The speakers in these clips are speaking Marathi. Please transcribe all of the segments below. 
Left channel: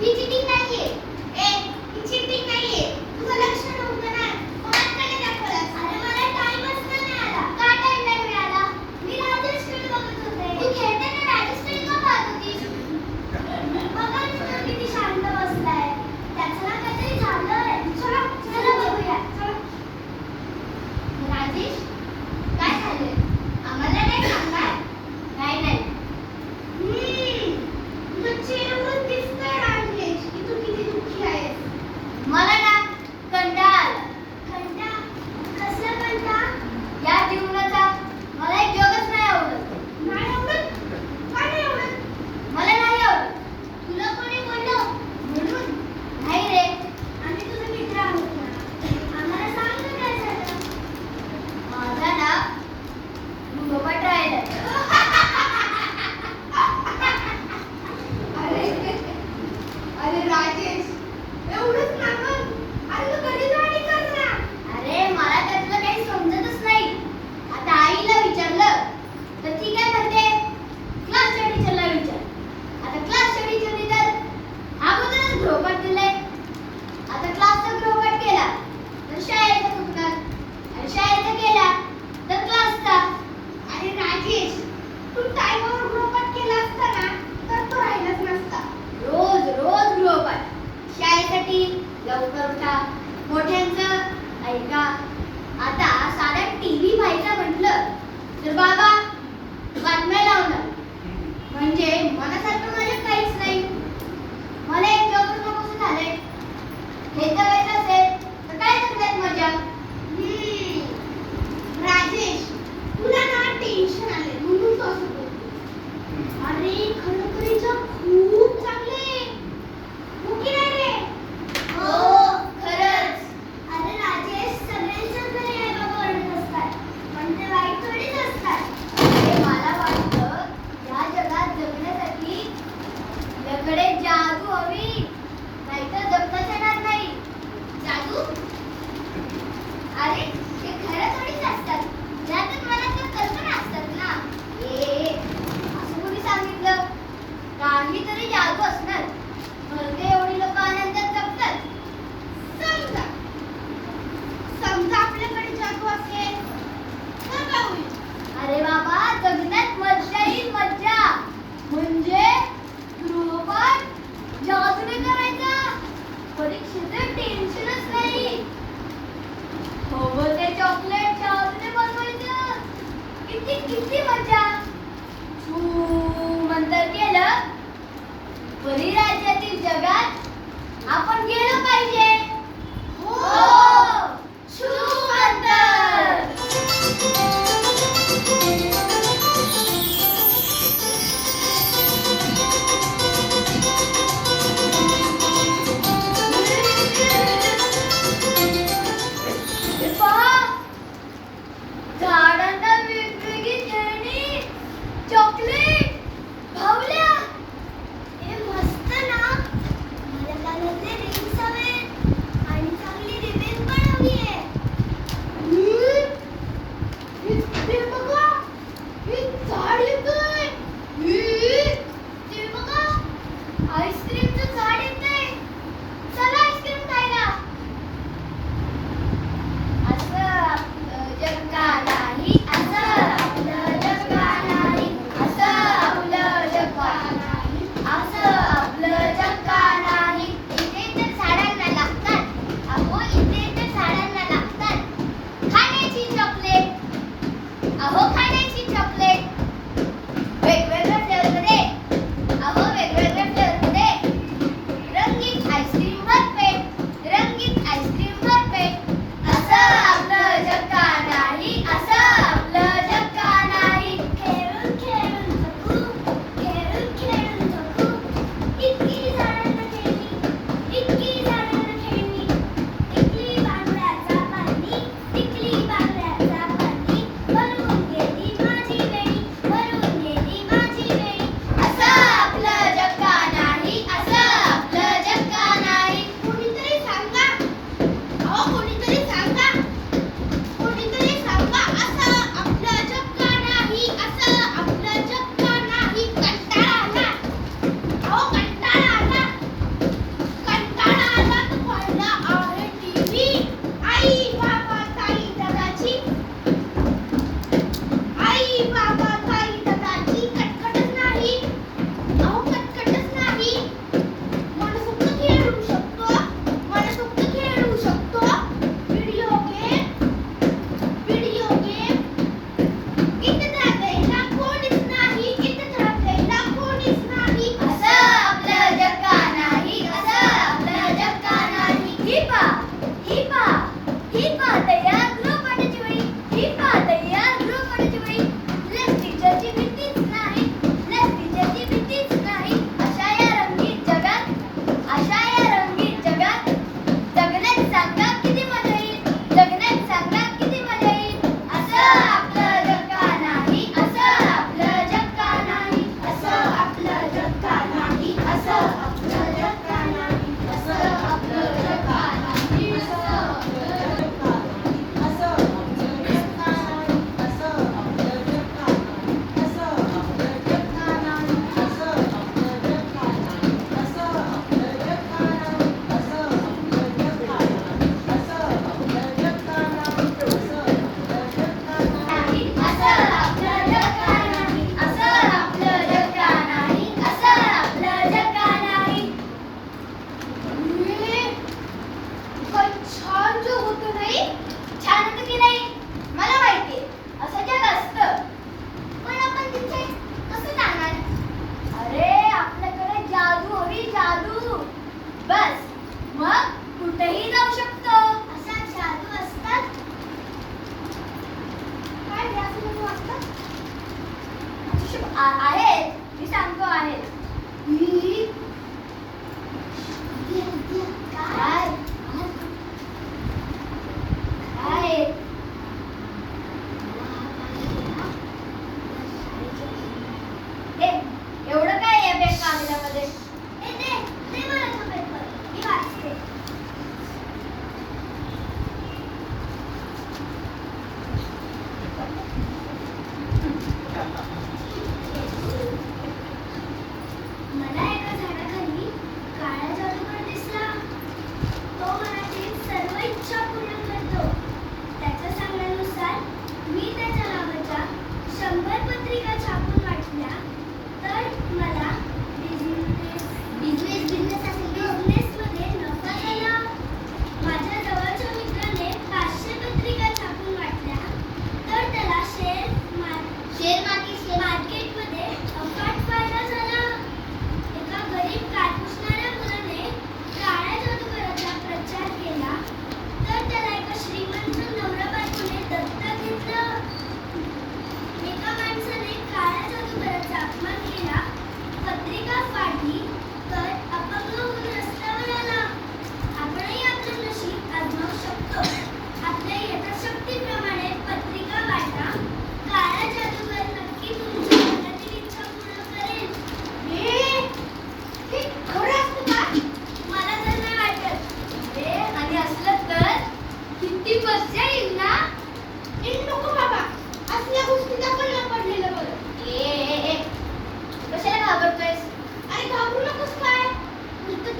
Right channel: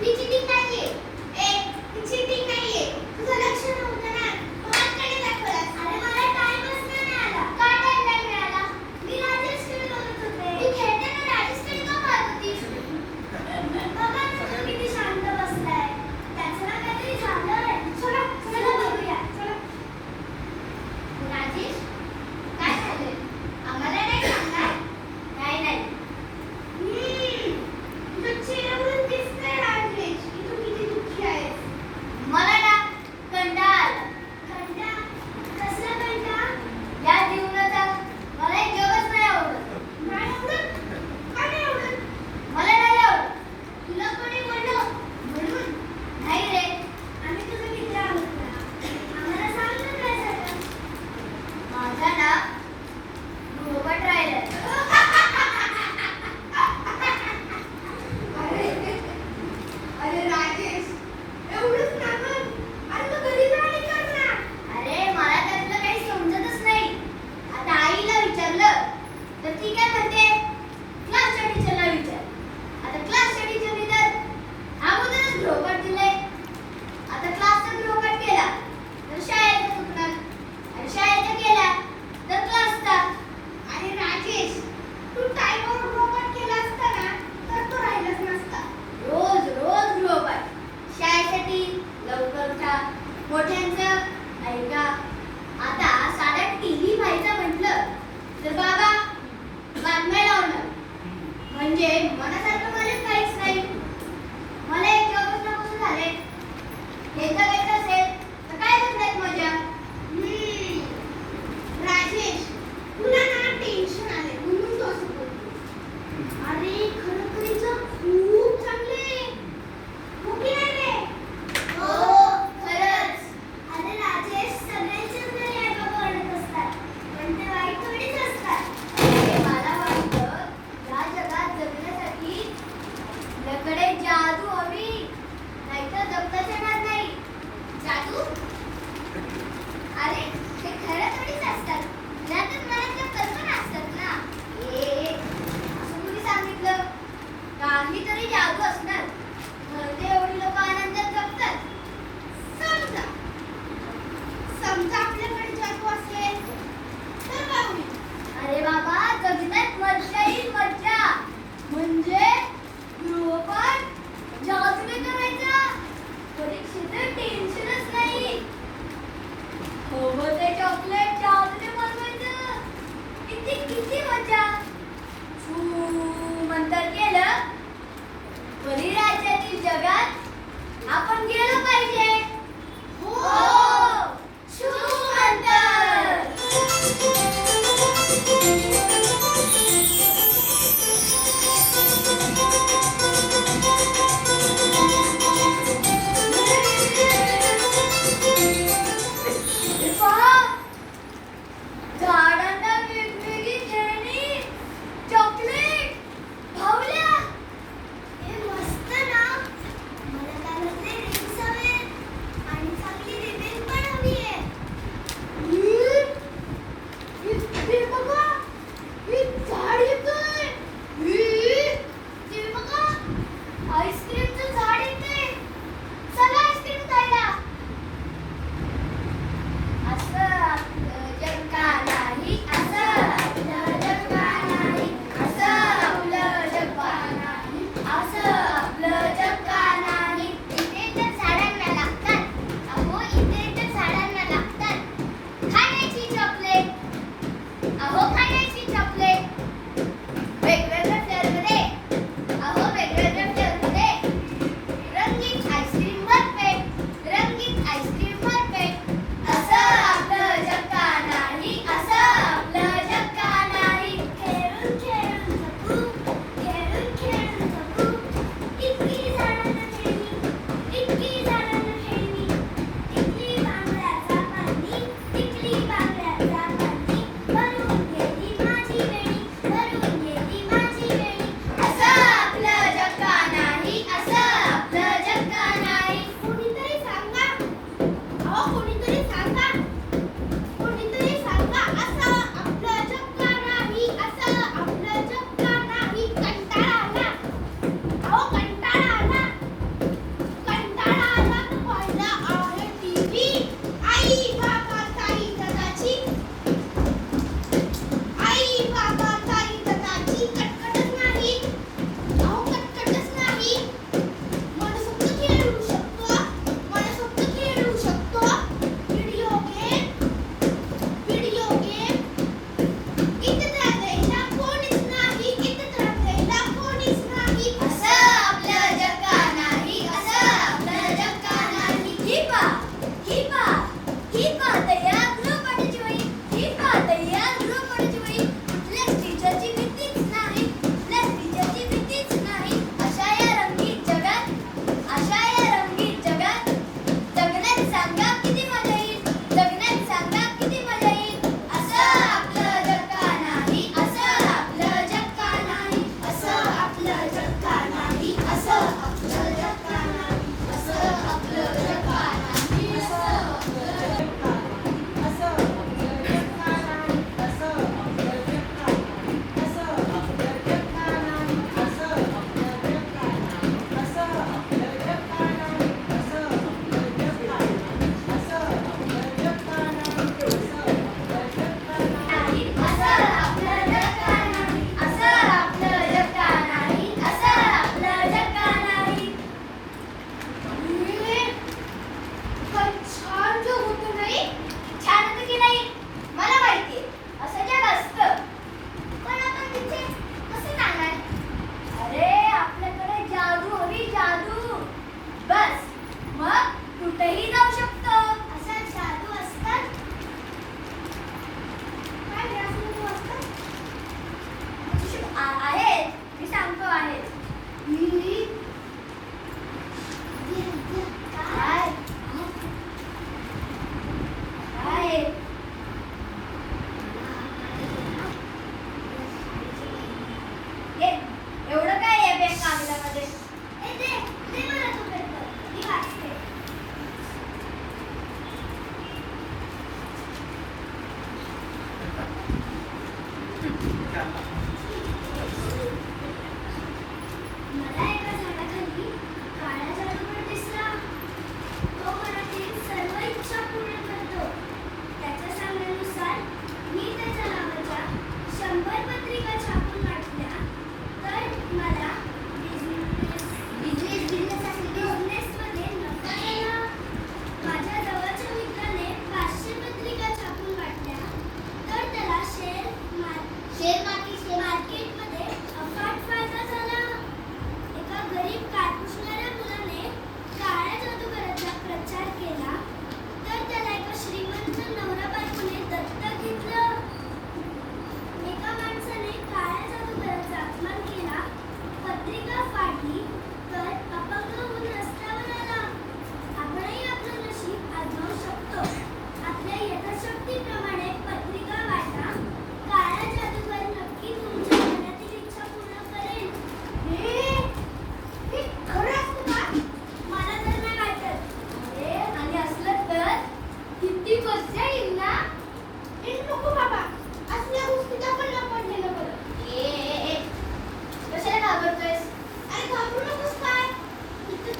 PGT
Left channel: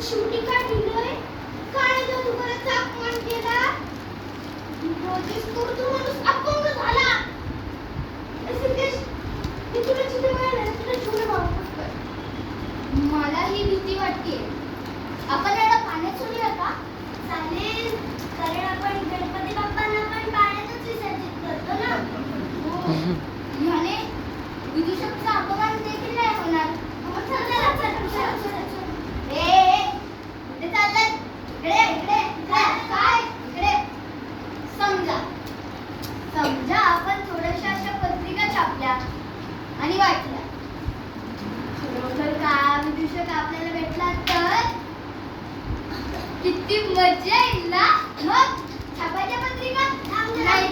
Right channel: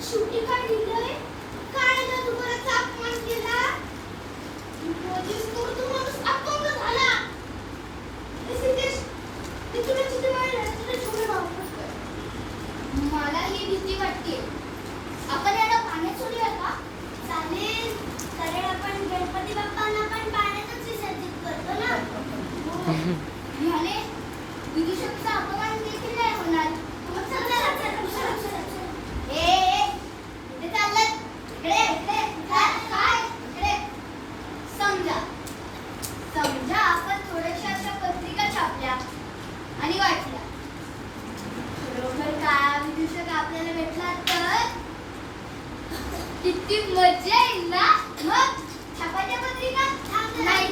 शेवटी काय दिलंय? काळ्या जादूगाराचा अपमान केला. माझेच तो माणूस अपंग झाला. सिद्धेश, मी तुला जिथे मिळालं तिथे छोटे भाऊ करतोय. मला ही भीती वाटते. आपण याला पाण्यात सोडूया का? चालेल, कारण आपण गणपती बाप्पांना पण पाण्यातच विसर्जित करतो ना. हो. ह्याने विदूषकचा अपमान देखील नाही होणार. मग चला. कुठे चाललाय? इकडे. काय? इकडे. समजा आपण थोड्याशा अशा पत्रिका छापल्या आणि वाटल्या. खरोखर का विदूषक आपल्याला भेटला तर किती मजा येईल ना. मग छापायच्या पत्रिका नाही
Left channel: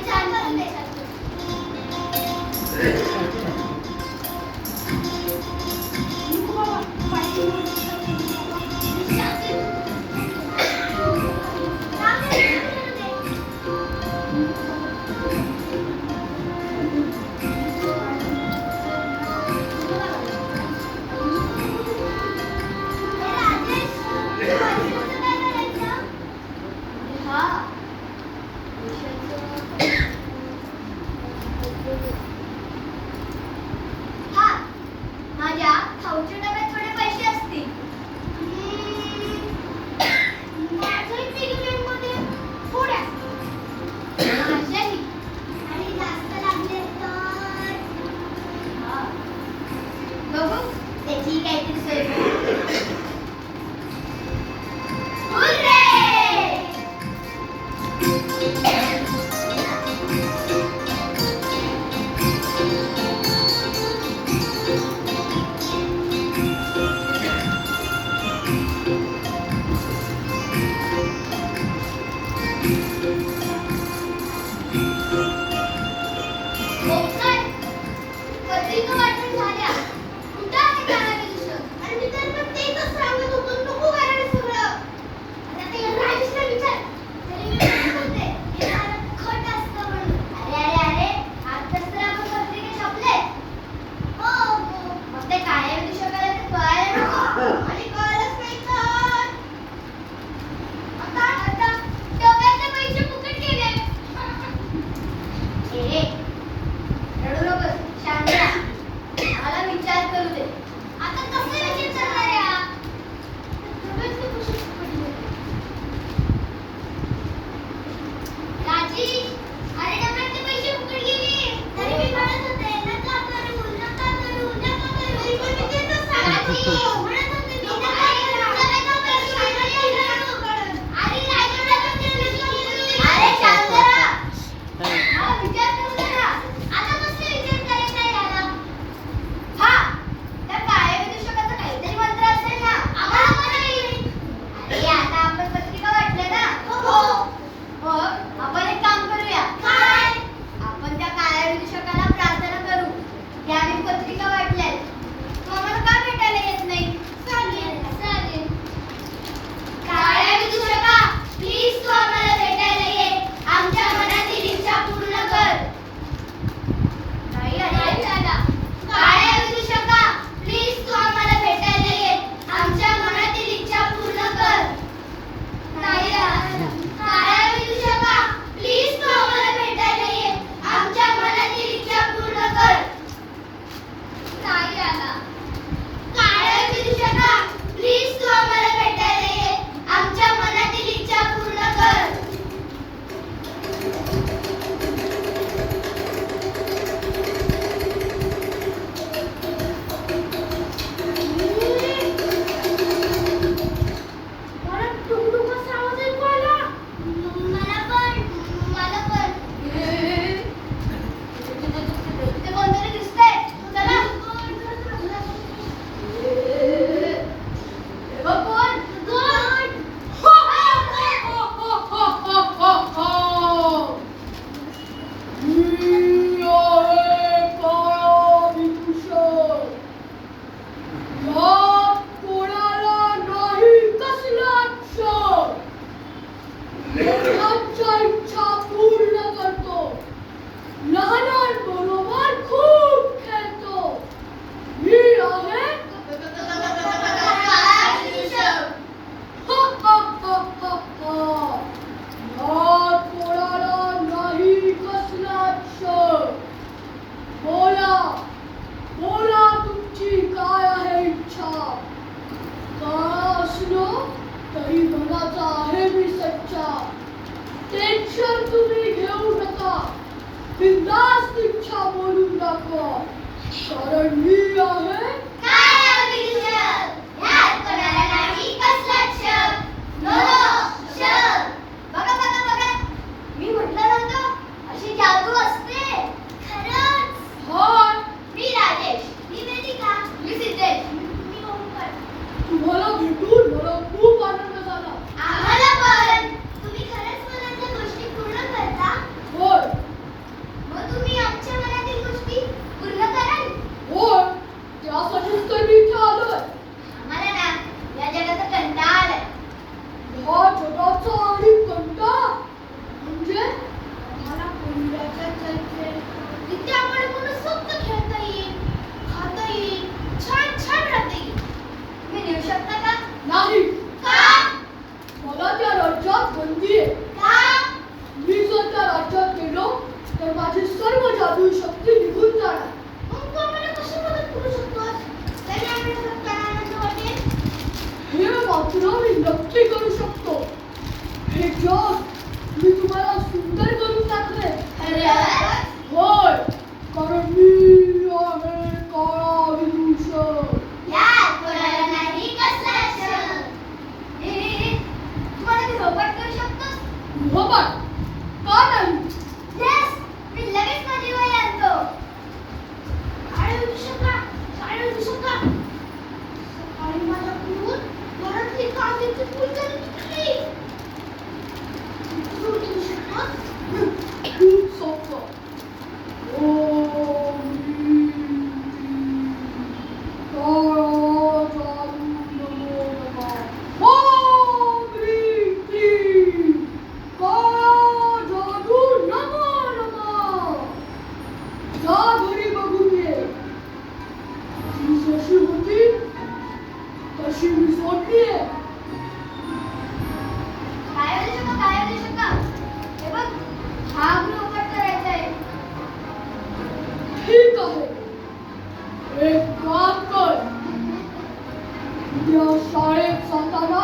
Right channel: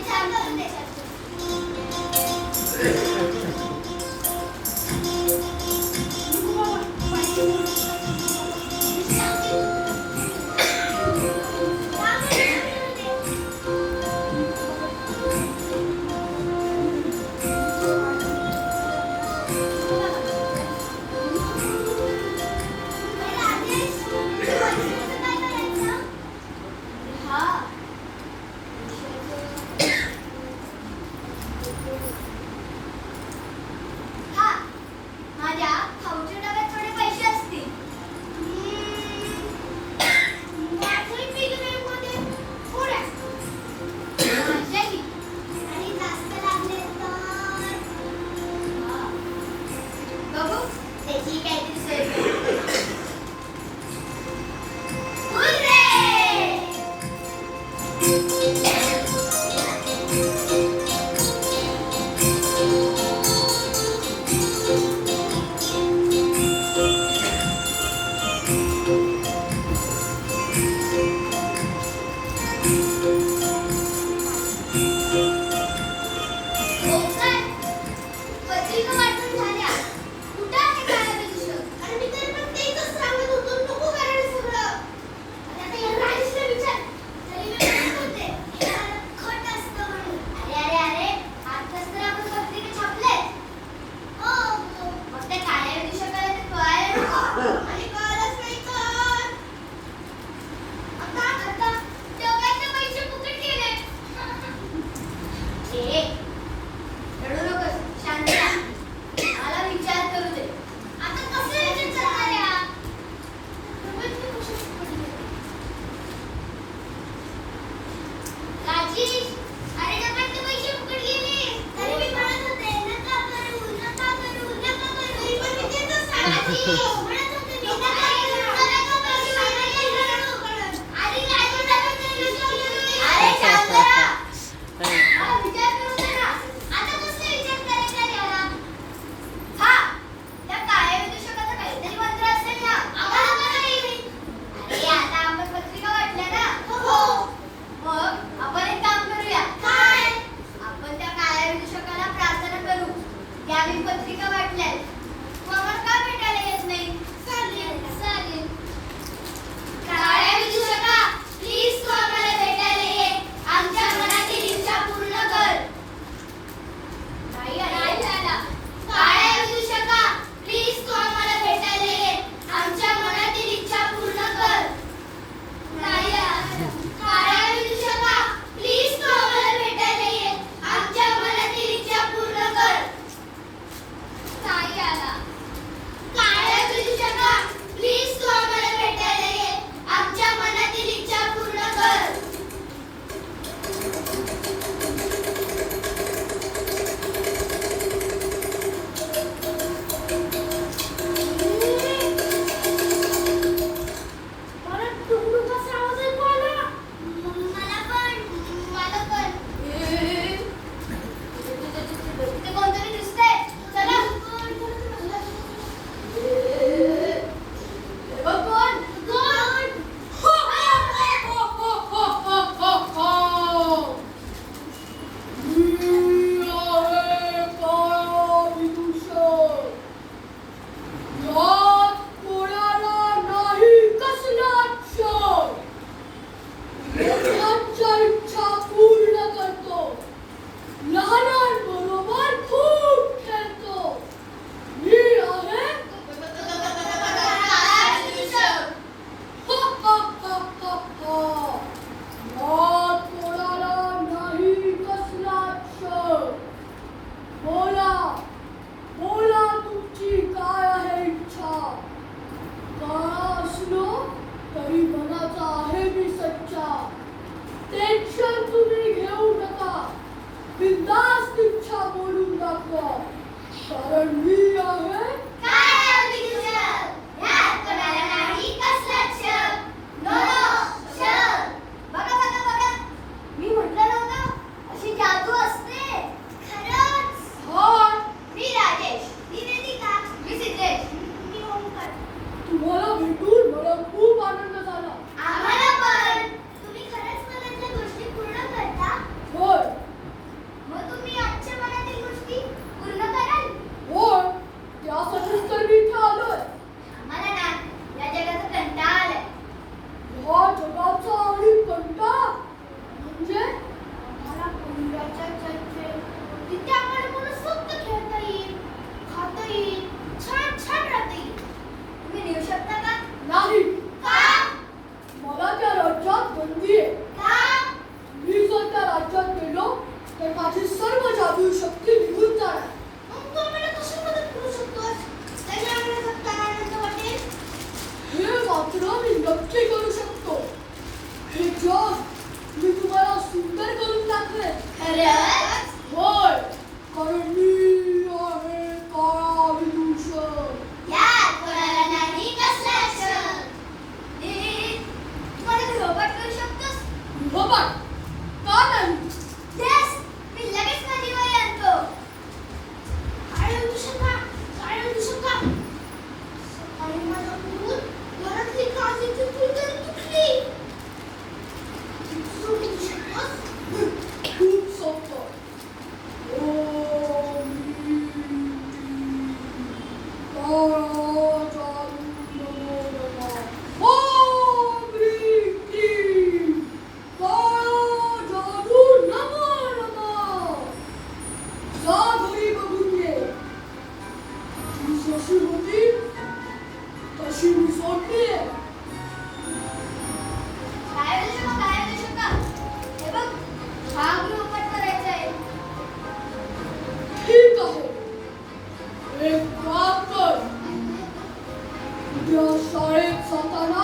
तरी मनाचा आहे मी सच्चा. टेन्शन तुम्ही घेऊ नका, बिनधास्त इच्छा बोलून दाखवा, कारण मी आहे काय विदूषक, ह्यात कोणाला नाही कसलाच शक. नो शक. बघा बघा बघा, मी म्हटलं नव्हतं अशी जादू असते. खरंच. हाय. मी राजेश. मी वेदिका. मी सिद्धेश. मी ओंकार. तुम्हाला भेटून मला खूप आनंद झाला. आम्हाला पण. तुम्ही खरंच मनातल्या गोष्टी पूर्ण करता? होय मग तुम्ही आमच्या मनातील गोष्टी पूर्ण कराल? होय, त्यासाठीच तर मी इथे आलोय. आम्हाला ना या जगाचा कंटाळा आलाय. ह्या जगाचा आणि कंटाळा म्हणजे आम्हाला कोंबड्याच्या चलते तिथे आपण मनसोक्त खेळता येईल, खाता येईल, छान छान राहता येईल. तुम्ही नेऊ शकता का? नाही. का? मला त्या राज्यात बंदी आहे. का? मी जर त्या राज्यात गेलो तर माझी सर्व जादू शक्ती निघून जाणार. मग तू आम्हाला कशी मदत करू शकतोस? काही आम्हाला जगताना आनंद वाटेल? हे मात्र मी नक्की करू शकतो. हे जग मी तुम्हाला सुंदर करून टाकले. खरंच? होय, कारण मी आहे काळा विदूषक. यात कोणाला नाही कसलाच शक. तुम्हाला गृहपाठ करू शकतोस? गृहपाठ का नाही? येस, मी लगेच माझी वही आणतो. काय होऊ शका? काय होऊ शका? सकाळी माझ्याकडून घरातली काचेची फुलझडी तुटली. तू उठू शकतोस? खूप सोपं. ओम काळा जादू नमो नमः. ओम ह्रीं क्लीं काळा जादू नमो नमः. जा घरी बघून ये. ती जशी होती तशी मी सोडलीये. काय होऊ शका? काय होऊ शका? हे बघ, हा गृहपाठ करायचा आहे. ठीक आहे, एक काम कर. उद्या शाळेत जाताना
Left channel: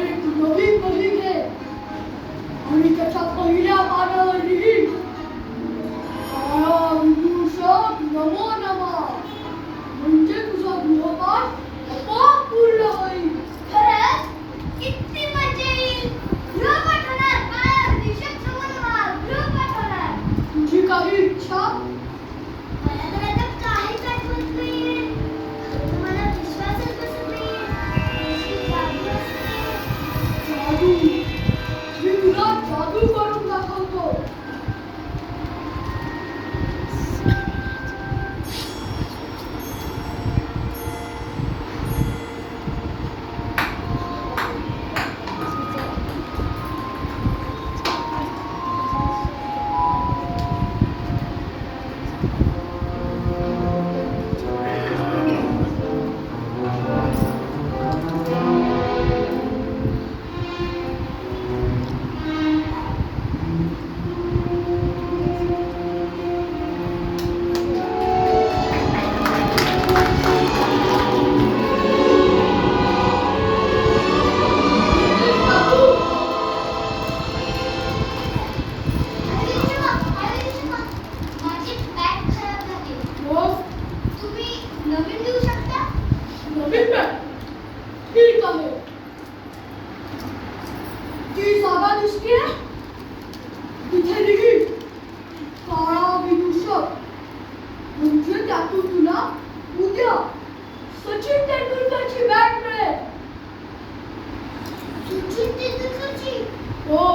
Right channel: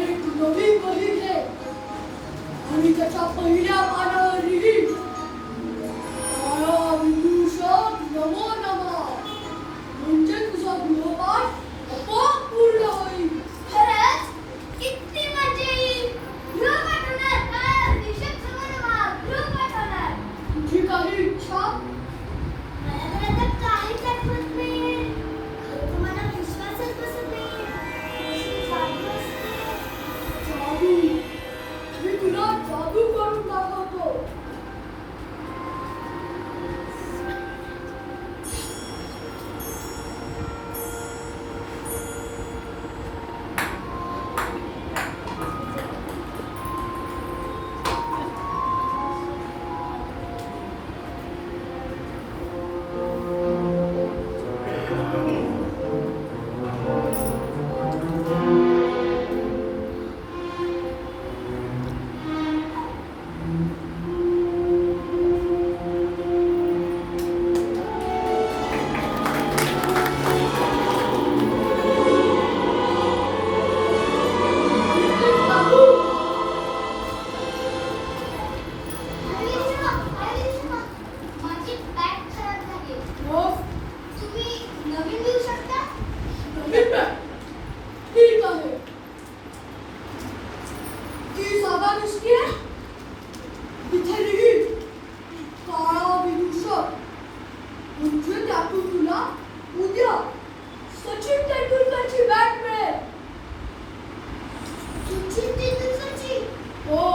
एक नवी वही घे आणि त्याच्या पहिल्या पानावर लिही काळा विदूषक नमो नमः. म्हणजे तुझा गृहपाठ आपोआप पूर्ण होईल. खरंच? किती मजा येईल. गृहपाठ होणार. काय विदूषक समोर गृहपाठ होणार. तुझी काही इच्छा? मला तर आता काहीच आठवत नाहीये. खरं तर मला विश्वासच बसत नाहीये. अशी जादू असते. जादू. मी तुला जादू करून दाखवतो. माझी बॅग खराब झाली. मग तुम्ही नवीन देऊ शकता? नवीन बॅग? ठीक आहे. ती जागा दिसतेय तिथे लिही काळा विदूषक. म्हणजे त्यातून तुला उद्या सचिन तेंडुलकरची बॅग मिळेल. सचिन तेंडुलकरची? हो.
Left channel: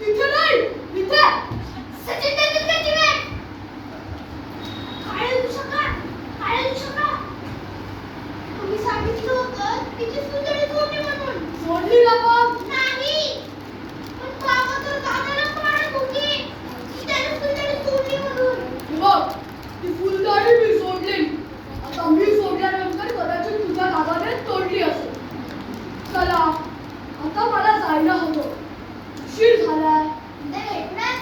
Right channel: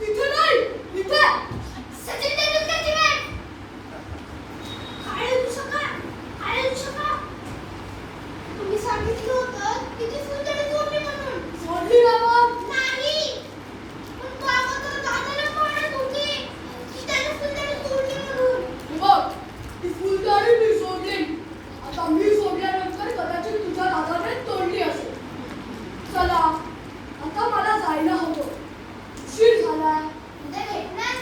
तिथे नाही, इथे. सचिन तेंडुलकरची बॅग. काय होऊ शका? काय होऊ शका? तुम्ही सांगितलं होतं तिची फुलझडी तोडली म्हणून. सोडली ना मग. नाही, पण बाबा तर दादाला मारत होते की त्याने फुलझडी तोडली म्हणून. बघ, ती फुलझडी मी सोडली. आता मी सोडल्यानंतर कदाचित तुझ्या दादाने तोडली असेल. चला, आता मला जायला हवं. उशीर झाला. उद्या भेटणार?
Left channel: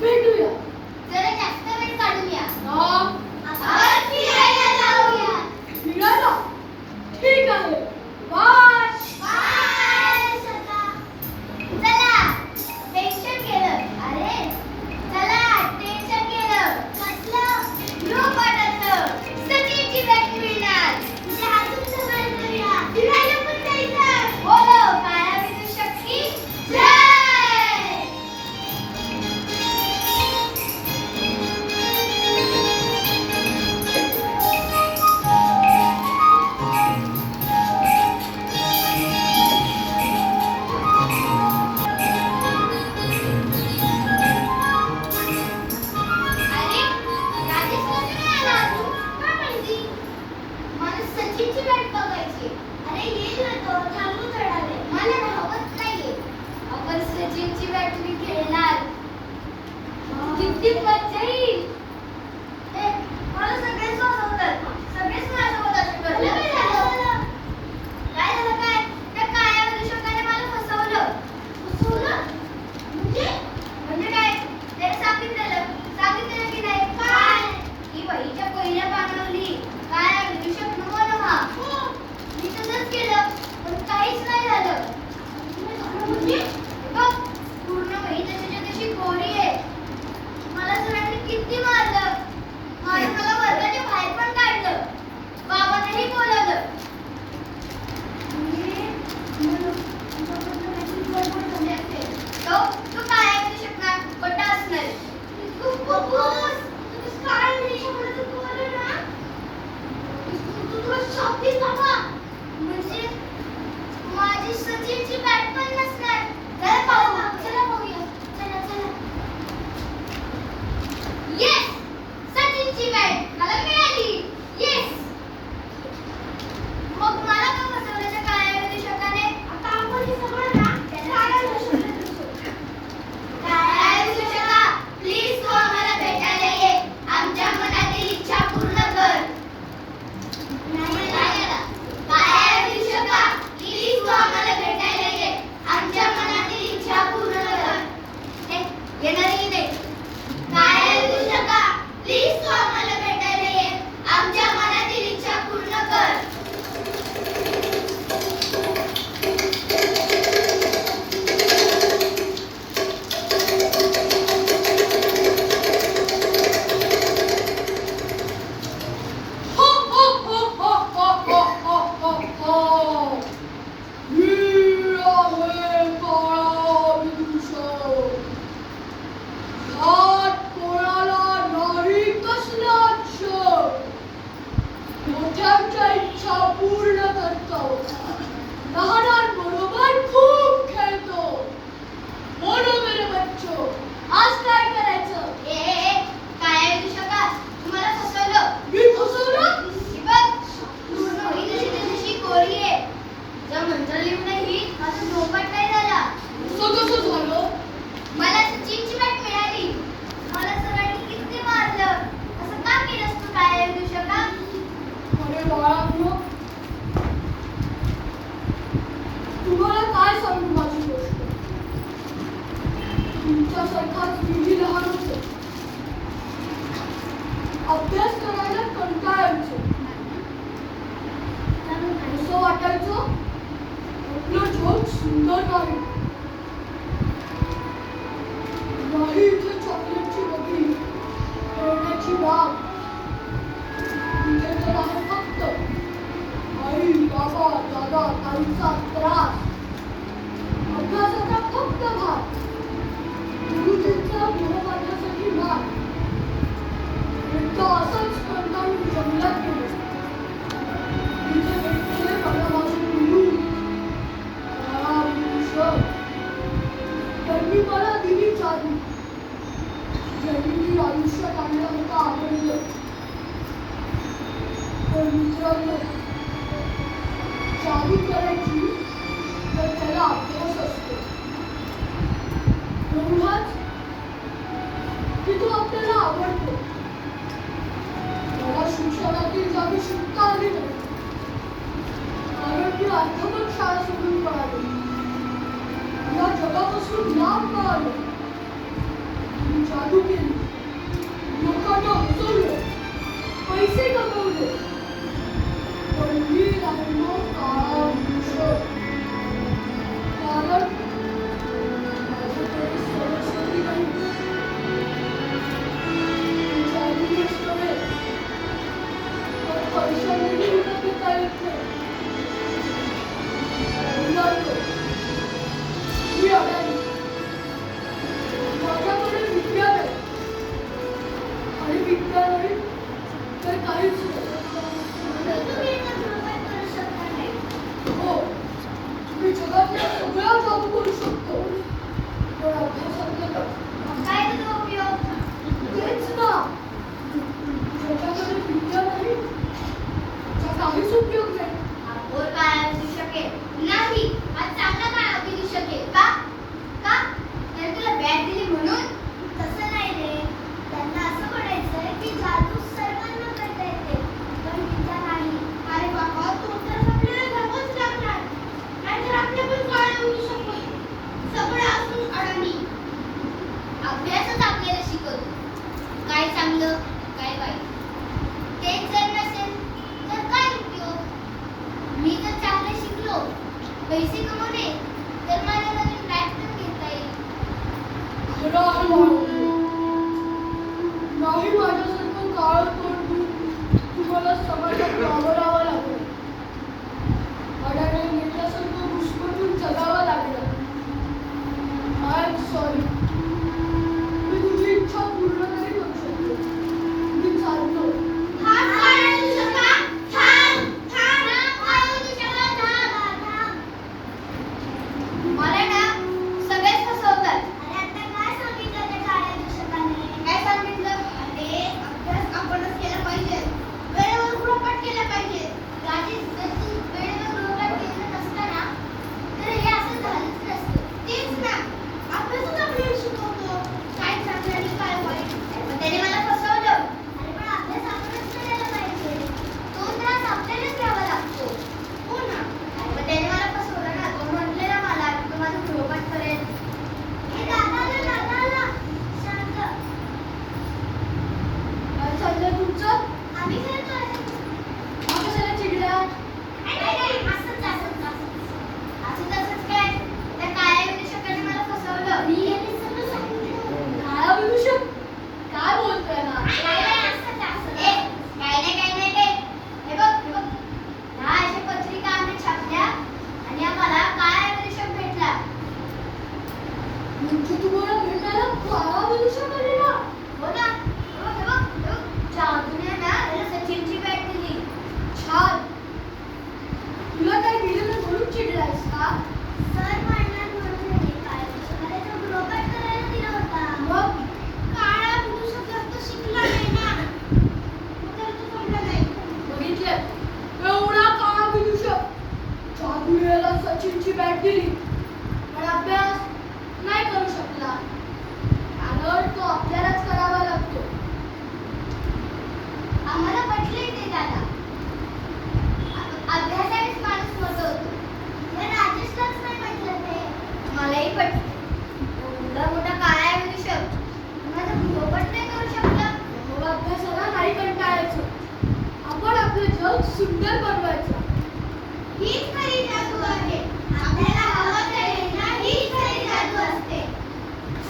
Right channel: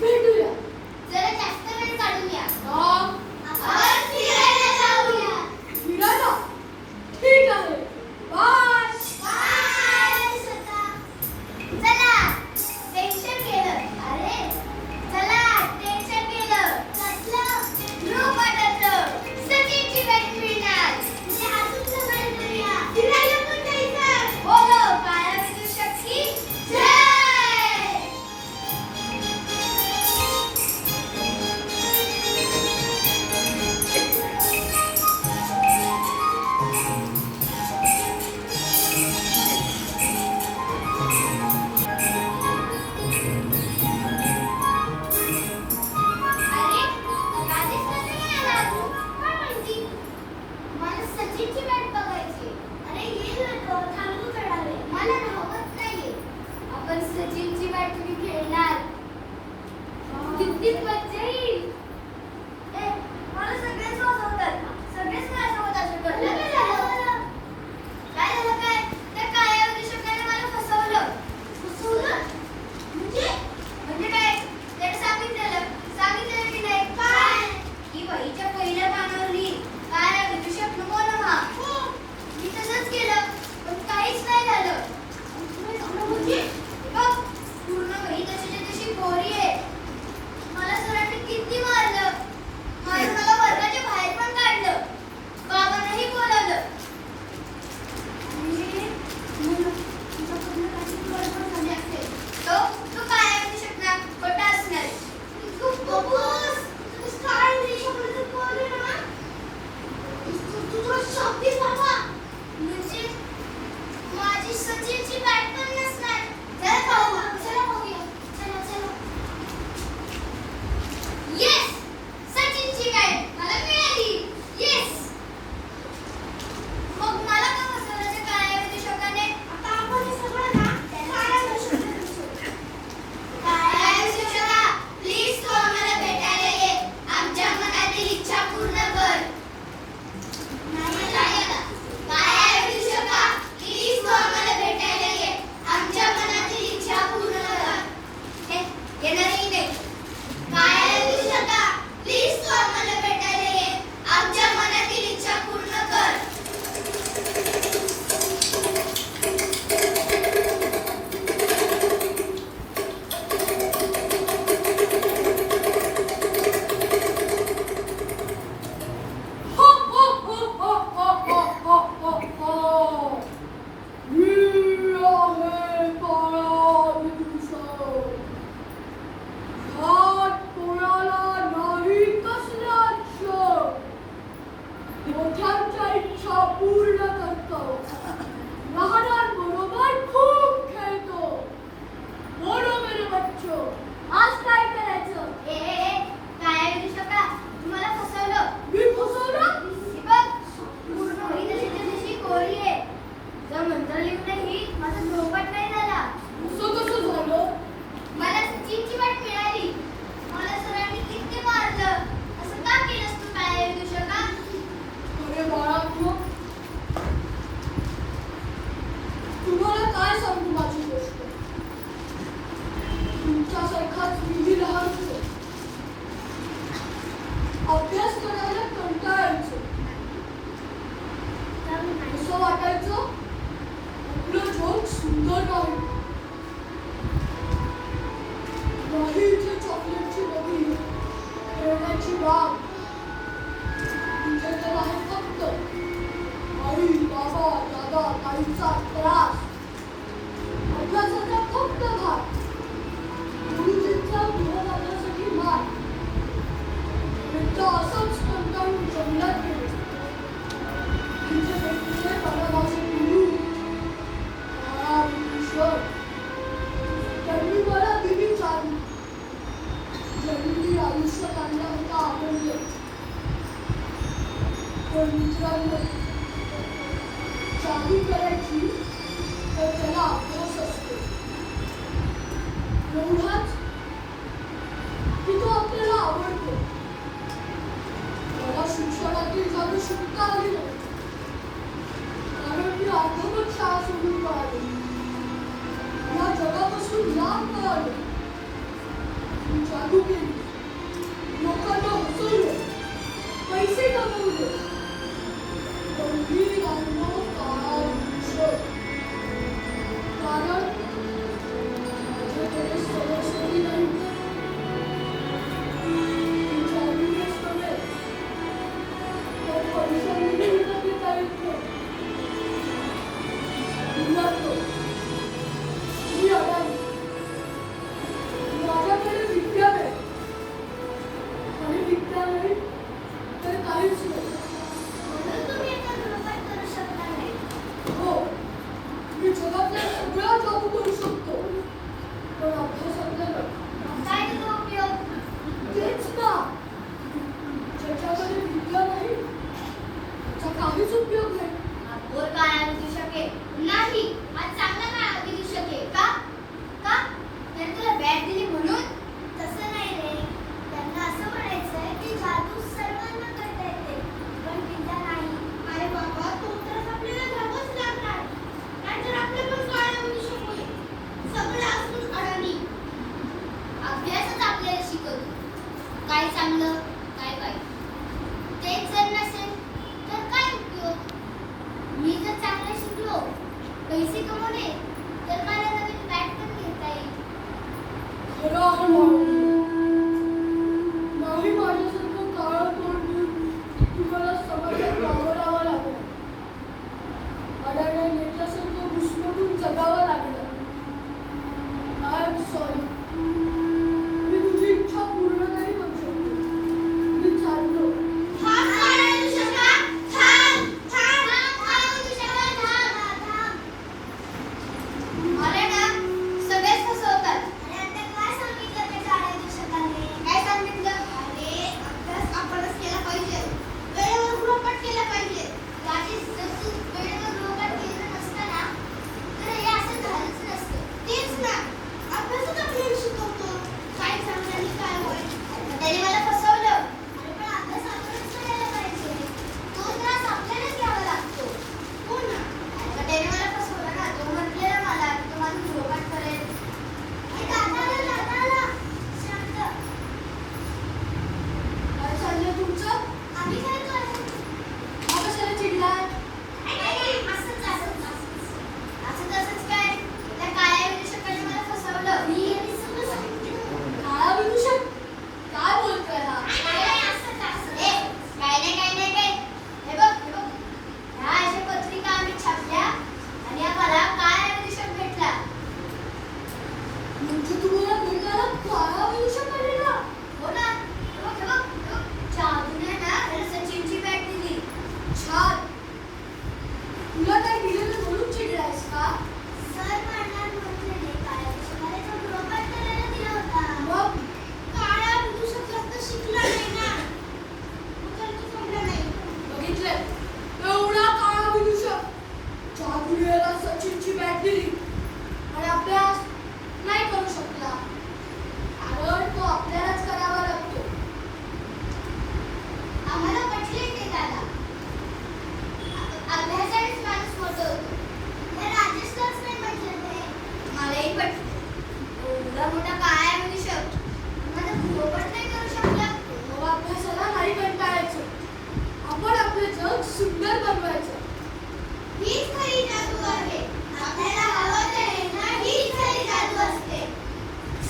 भेटूया. जरा जास्त वेळ काढूया. हा, आज फिरायला जाऊया. फिरायला. सचिनची वाट बघायची. अरे येईल ना तो, थांबू थोडा वेळ. मला राहवत नाहीये. आपण सचिनची वाट मी खेळणार. किती मजा येईल. मला सगळेच हसवतात. सगळेच माझ्यासोबत असे करतात. काय झालं काय? त्या काळ्या विदेशकाने मला फसवलं. फसवलं? म्हणजे काय? त्याने सांगितलेलं की नाही? काय? की वहीच्या पहिल्या पानावर लिही, काळ्या विदेशक नमो नमः. मी तसंच केलं, पण काहीच नाही झालं. म्हणजे? हे बघ, पूर्ण वही तशीच्या तशी कोरी आहे. मला सरांनी किती मारलं. मला वर्गाच्या बाहेर पण काढलं. बाबांनाही बोलावलं. म्हणजे तुझ्याकडनं काहीतरी गडबड झाली असेल. तो काय ऐकू शकणार? खोटं असणार. तू काय नाही शकत बोल ना. तू तुला शब्दीच बाबा. म्हणजे माझी सचिनची बॅट पण नसणार. चला पाहूया. चला. येस, सचिनची बॅट मला मिळाली. येस. मग मला का फसवलं त्या काळ्या विदेशकाने? आता आपण हे सगळं ना काळ्या विदेशकाने. काळ्या विदेशका, प्लीज तू आम्हाला भेटायला ये. आमच्या मनातील इच्छा पूर्ण कर. नाही आला. काळ्या विदेशका, प्लीज तू आम्हाला भेटायला ये. आमच्या मनातील इच्छा पूर्ण कर. येणारही नाही. काळ्या विदेशका, प्लीज तू आम्हाला भेटायला ये. आमच्या मनातील इच्छा पूर्ण कर. मोठ्यांच्या इच्छा पूर्ण करतो. लहानांबरोबर खूप खेळतो. बोलो मेरे बच्चो, आज काय करायचं? काळ्या विदेशका, तुम्हाला फसवलं. मी फसवलं? ही बघ, पूर्ण वही तशी कोरी आहे. जर मंत्र लिहून नाही, माझा नोबत नाही झाला. असं कसं झालं? मला सचिनची बॅट मिळाली. मला सरांनी किती मारलं. असं का केलंस तू काळ्या विदेशका? अरे बाळांनो, तुम्हाला काय सांगू माझी गोष्ट. तुमच्यासारखाच मीही लहान होते. अभ्यास करायला कंटाळायचो. असं वाटायचं आपलं जग सुंदर नाही. नाही इथे चॉकलेटची डबी, खेळण्याची बाग. इथे तर आहे फक्त आई, बाबा, दादा, ताईचा त्रास. अभ्यासाचा फक्त भाग. गुरुजींचा मोह माझ्यासाठी मार. एकदा असंच कंटाळून जंगलात गेलो. तिथे भेटले मला माझे गुरु काळा विदेशक. त्यांनी मला दिली जादू. ज्यांनी आयुष्य काढलं होतं आनंद. पण मित्रांनो, जादू करायची तर त्याला अभ्यास असतो. एवढाच की तो आपल्याला आवडतो. मला शिक्षणातील जादू शिकता आली नाही. कारण मी अर्धवट शाळा सोडून पळालो. या जगापासून लांब पळालो. मी जादू केली. लोकांना हसवलं. पैसे कमवले. पण मी राहिलो काळा विदेशक. कारण माझ्याकडे सरस्वती नाही. जादूनेच नव्हे, पण पैशांनीही विकत घेता येत नाही. मुलांनो, मी अडाणी. माझ्याकडे विद्या नाही. आणि विद्या नाही तर काहीच नाही. म्हणून तुम्ही याचा दुरुपयोग करू शकता नाही. हो, मी जगातल्या सगळ्या जादू करू शकतो. पण अभ्यासातले नाही. काय त्याचा उपयोग? तेच ना, ज्याच्याकडे विद्या नाही त्याचा काहीच उपयोग शकेल. नाही, हा चांगला काळ दिसू शकेल. का? का? तर तुला बॅट दिली म्हणून? तसं नाही रे. त्यांना असं म्हणायचंय की जादू सर्वांना करता येते, पण विद्या नाही. अरे बाबा, तो तर आपल्याला घ्यावंच लागणार. नाहीतर आपले पण काळ होऊ शकते. सगळं असून अडाणी. अभ्यासच आपल्याला शिकवतो. काय चांगलं, काय वाईट. तेच जर नसेल तर काय उपयोग? मी जर चांगलं शिकलो, पैसे कमवले, तर मला नवीन ट्रॅक्टर घेता येईल. खरं आहे मानवी. नाही माझ्यासारखं काळ तोंड देऊन तुम्हाला समाजात वावरावं लागलं. अडाण्या नेत्यासारखं घुसमटून जगावं लागलं. I am sorry. मी तुझी इच्छा पूर्ण नाही करू शकतो. मी चालतो. थांब काय तुझ्या? थांब, थांब, थांब तुझ्या, थांब. मला ना सगळेच फसवतात. अरे आता काय सांगितलं त्या काळ्या दिवसाने? काय सांगितलं? अरे अभ्यास आपणच केला पाहिजे. वेळेवर गृहपाठ केला पाहिजे. राजेश, जर तू वेळेवर गृहपाठ केलं नसतं ना, तर हे असं झालंच नसतं. तेच ना, अभ्यासच आपल्याला शिकवतो काय चांगलं आणि काय वाईट. पण त्याने मला फसवलं. अरे पण अभ्यास आपणच करायला पाहिजे. तो त्रास आपल्यालाच घ्यावा लागतो. हो ना. अरे पण त्याने मला फसवलं ना. तो म्हटलेला मला की तो माझं गृहपाठ करेल. हे दादा आला, दादा आला. शांत. काय चाललंय तुमचं? आम्ही करत आहोत. हा कशाला चिडला? नाही, असंच, असंच, असंच. असंच, असंच काय? त्या काळ्या विदूषकाने मला फसवलं. मी यांनी सगळं सांगितलं. काळा विदूषक? काय बोलतोय हा? काय नाही, असंच, असंच. ए, काय नाही, काय नाही, काय. हे बघ, हे बघ. ह्या अशा पत्रिका आम्ही छापल्या आणि आम्हाला काळा विदूषक भेटला. म्हणजे तुम्हाला भेटायला काळा विदूषक आलेला? हो ना. हे बघ, हे बघ, हे बघ. जादूने ना त्याला सचिनची बॅट दिली. छान. तुला काय दिलेलं म्हणून चिडलायस का? सर म्हणणार म्हणून त्याने काळ्या विदूषकाला तो गृहपाठ करायला दिला होता. मग काळा विदूषक जास्त शिकला नाही ना. मग त्याला तो समजला नाही. बघितलं, एवढा काळा विदूषक जादूला सचिनची बॅट दिली आणि अभ्यास नाही करू शकला. कारण तो आपल्यालाच करावा लागतो. आम्हाला पटले ते दादा. अभ्यासानेच माणूस मोठं होतो. या राजेशलाच नाही पटलं ते. मलाही पटलं. एवढा मोठा काळा विदूषक माझं गृहपाठ नाही करू शकला. मला अभ्यासाला नाही कंटाळायचं. आपण आपलं जग सुंदर बनवायचं. हीच खरी जादू आहे. आपल्याला हवं ते ना, हीच खरी जादू असते.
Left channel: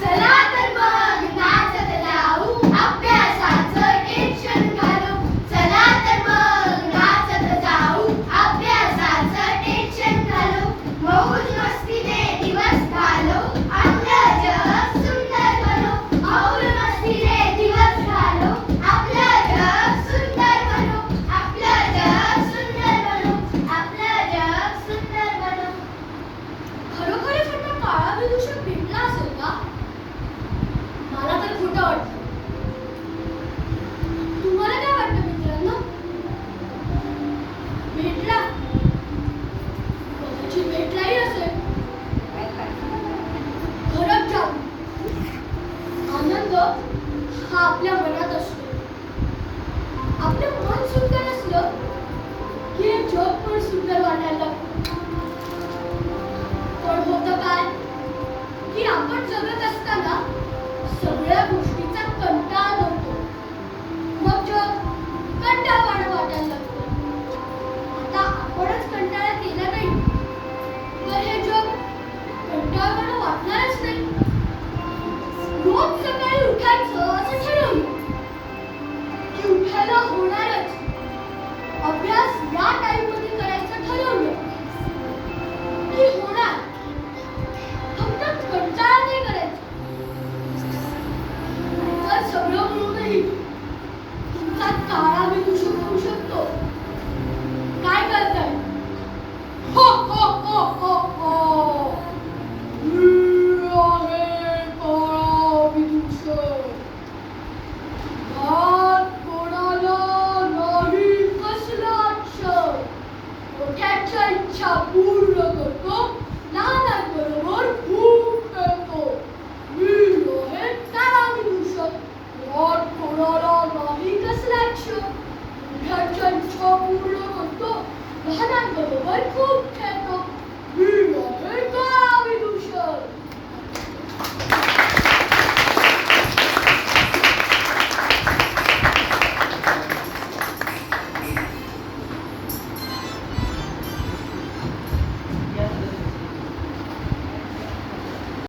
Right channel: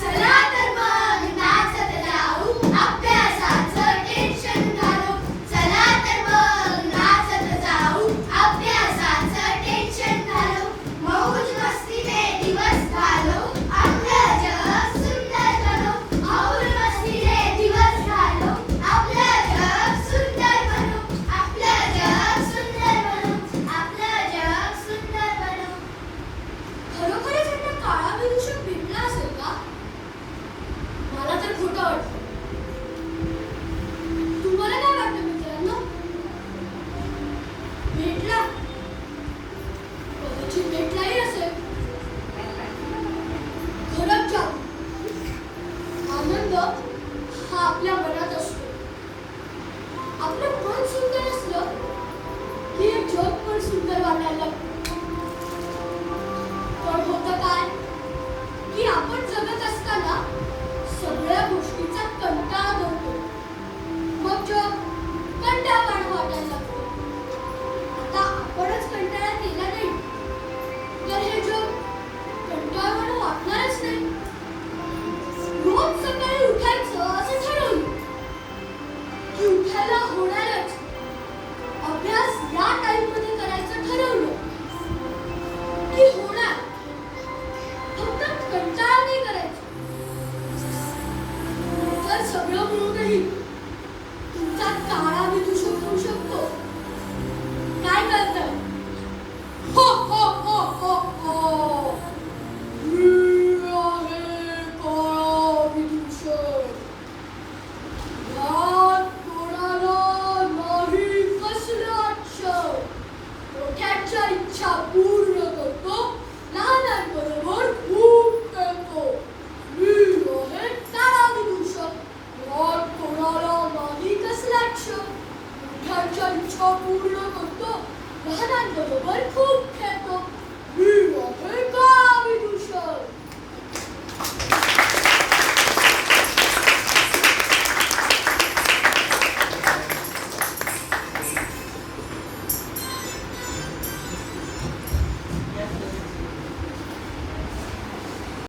चला तर मग नाचत जाऊ, अभ्यासाचं टेन्शन घालू. चला तर मग नाचत जाऊ, अभ्यासाचं टेन्शन घालू. मौज मस्तीने दिवस घालू, आपलं जग सुंदर बनू. मौज मस्तीने दिवस घालू, आपलं जग सुंदर बनू. आपलं जग सुंदर बनू, आपलं जग सुंदर बनू. खरोखरच त्यांना काळा विदूषक भेटला असेल का? मला तर खोटं वाटतं. तुम्हाला काय वाटतं मित्रांनो? भेटला? कदाचित भेटलाही असेल. खरंच जाऊ. आनंद हा आपल्या मनात असतो. आपलं मन सुंदर असलं की हे जग पण सुंदर वाटायला लागतं. पण होतं काय की आपण जगत असताना सगळ्या गोष्टीचा कंटाळा करतो. मग जग कंटाळवाणं वाटायला लागतं. आता आपणच कंटाळा केला नाही तर हे जग कंटाळवाणं वाटणारच नाही. रोज सकाळी उठायचं असं ठरवलं की उठायला होणारच. अभ्यास या टाइम मध्ये करायचं ठरवलं इच्छा पूर्ण करतो, लहानांबरोबर खूप खेळतो. मी आहे तारा विदूषक. यात कोणाला नाही कसला क्ष. मोठ्यांच्या इच्छा पूर्ण करतो, लहानांबरोबर खूप